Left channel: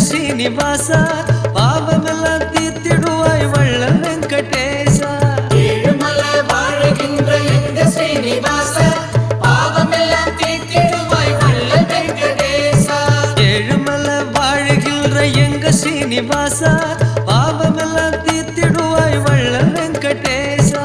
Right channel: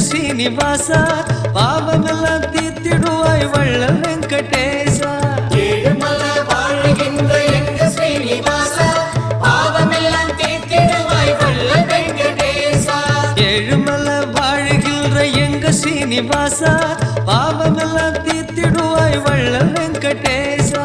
ஸ்ரீனிவாசா பாவமெல்லாம் தீர்த்திடுவாய் வள்ளல் வெங்கடேசா ஏழுமலை வாழ்கின்ற எங்க ஸ்ரீனிவாசா பாவமெல்லாம் தீர்த்திடுவாய் வள்ளல் வெங்கடேசா ஏழுமலை வாழ்கின்ற எங்க ஸ்ரீனிவாசா பாவமெல்லாம் தீர்த்திடுவாய் வள்ளல் வெங்கடேசா